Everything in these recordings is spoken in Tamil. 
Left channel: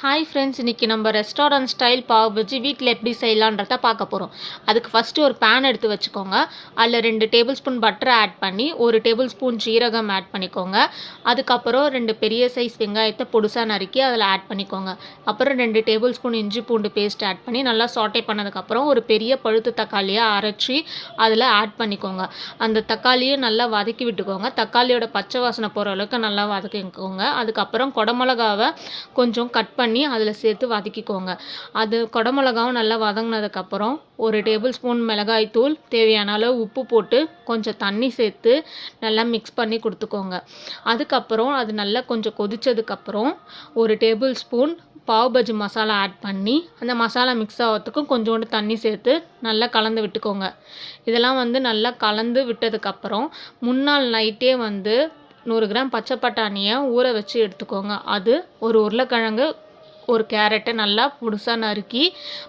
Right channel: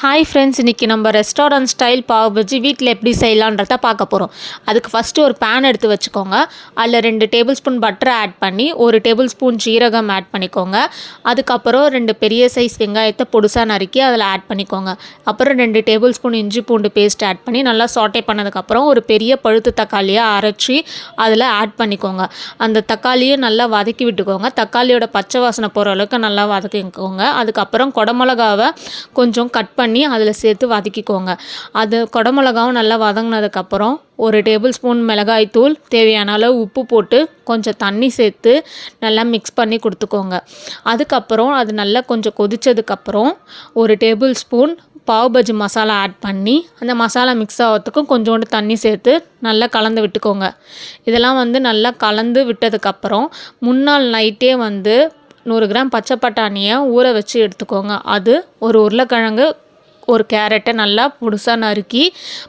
ஹாய் ஃப்ரெண்ட்ஸ், இன்றைக்கி நம்ம ரெஸ்டாரண்ட் ஸ்டைல் பாவ் பஜ்ஜி வீட்டில் எப்படி செய்யலான்றத பார்க்க போகிறோம். அதுக்கு ஃபஸ்ட்டு ஒரு பேன் எடுத்து வச்சுக்கோங்க. அதில் 2 டேபிள் ஸ்பூன் பட்டரை ஆட் பண்ணி 1 டேபிள் ஸ்பூன் ஜீரகம் ஆட் பண்ணிக்கோங்க. அதுக்கப்புறம் 2 பெரிய சைஸ் வெங்காயத்தை பொடுசாக நறுக்கி அதில் ஆட் பண்ணிக்கோங்க. அப்புறம் 2 டேபிள் ஸ்பூன் இஞ்சி பூண்டு பேஸ்ட் ஆட் பண்ணி நல்லா சாட்டே பண்ணதுக்கப்புறம் ஒரு பெரிய பழுத்து தக்காளியை அரைச்சி அதில் ஆட் பண்ணிக்கோங்க. அந்த தக்காளியை நல்லா வதக்கி விட்டுக்கோங்க. தக்காளியோட பச்சை வாசனை போகிற அளவுக்கு நல்லா வதக்கிக்கோங்க. அதுக்கப்புறம் குடமிளகாவை கொஞ்சம் கட் பண்ணி அதில் சேர்த்து வதக்கிக்கோங்க. அது குடமிளகாவும் நல்லா வதங்கினதுக்கப்புறம் 1 டேபிள் ஸ்பூன் மிளகாய்த்தூள், தேவையான அளவு உப்பு போட்டு கொஞ்சம் தண்ணி சேர்த்து நல்லா மிக்ஸ் பண்ணி கொடுத்துக்கோங்க. அதுக்கப்புறம் அது நல்லா கொஞ்சம் கொதித்ததுக்கப்புறம் 1 tablespoon pav bhaji masala add பண்ணி அந்த மசாலா மிக்ஸ் ஆகிறதுக்கும் கொஞ்சோண்டு தண்ணி சேர்த்து நல்லா கலந்து விட்டுக்கோங்க. இதெல்லாம் நல்லா கலந்து விட்டதுக்கப்புறம் முன்னாள் நைட்டே 100 கிராம் பச்சை பட்டாணியை ஊற வச்சு எடுத்துக்கோங்க. அது ஒரு உருளைக்கிழங்கு, ஒரு கேரட்டை நல்லா பொடுசாக நறுக்கி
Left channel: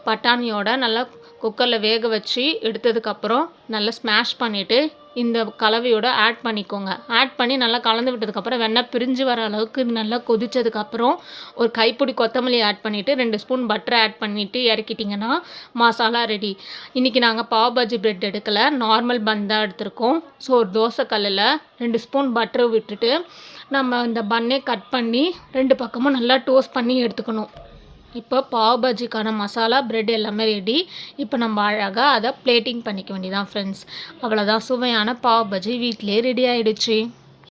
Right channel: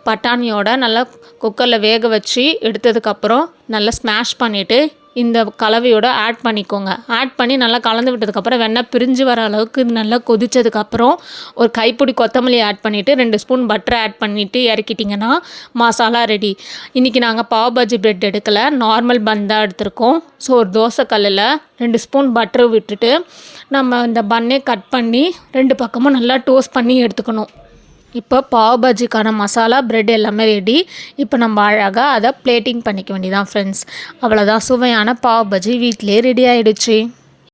பட்டாணியோட நல்லா குக்கரில் வேக வச்சு எடுத்ததுக்கப்புறம் நல்லா ஸ்மாஷ் பண்ணிவிட்டு இந்த கலவையோட ஆட் பண்ணிக்கோங்க. ஆட் பண்ணி நல்லா கலந்து விட்டதுக்கப்புறம் வெண்ணெய் பிரிஞ்சு வர அளவுக்கு நல்லா கொதித்ததுக்கப்புறம் ஒரு கைப்பிடி கொத்தமல்லி ஆட் பண்ணிவிட்டு 2 ஸ்பூன் பட்டரை ஆட் பண்ணிவிட்டு இறக்கிட்டிங்கன்னா மசாலா ரெடி. இன்றைக்கி நாங்கள் பாவ் பஜ்ஜி பிரெட் எடுக்கலை, நார்மல் பன் தான் எடுத்திருக்கோம். ஸோ ஒரு தோசை கல்லில் 2 ஸ்பூன் பட்டரை விட்டுட்டு நம்ம இந்த பன்னே கட் பண்ணி 2 பக்கமும் நல்லா டோஸ்ட் பண்ணி எடுத்துக்கணும். இப்போ பாவ் பஜ்ஜிக்கான மசாலா பிரெட் எல்லாமே ரெடி. இப்போ நம்ம அழகாக அதை பிளேட்டிங் பண்ணிக்க வேண்டியதான் ஃப்ரெண்ட்ஸ். அவ்வளோதான், சுவையான பாவ் பஜ்ஜி வீட்டிலே ரெடி ஆகிடுச்சு.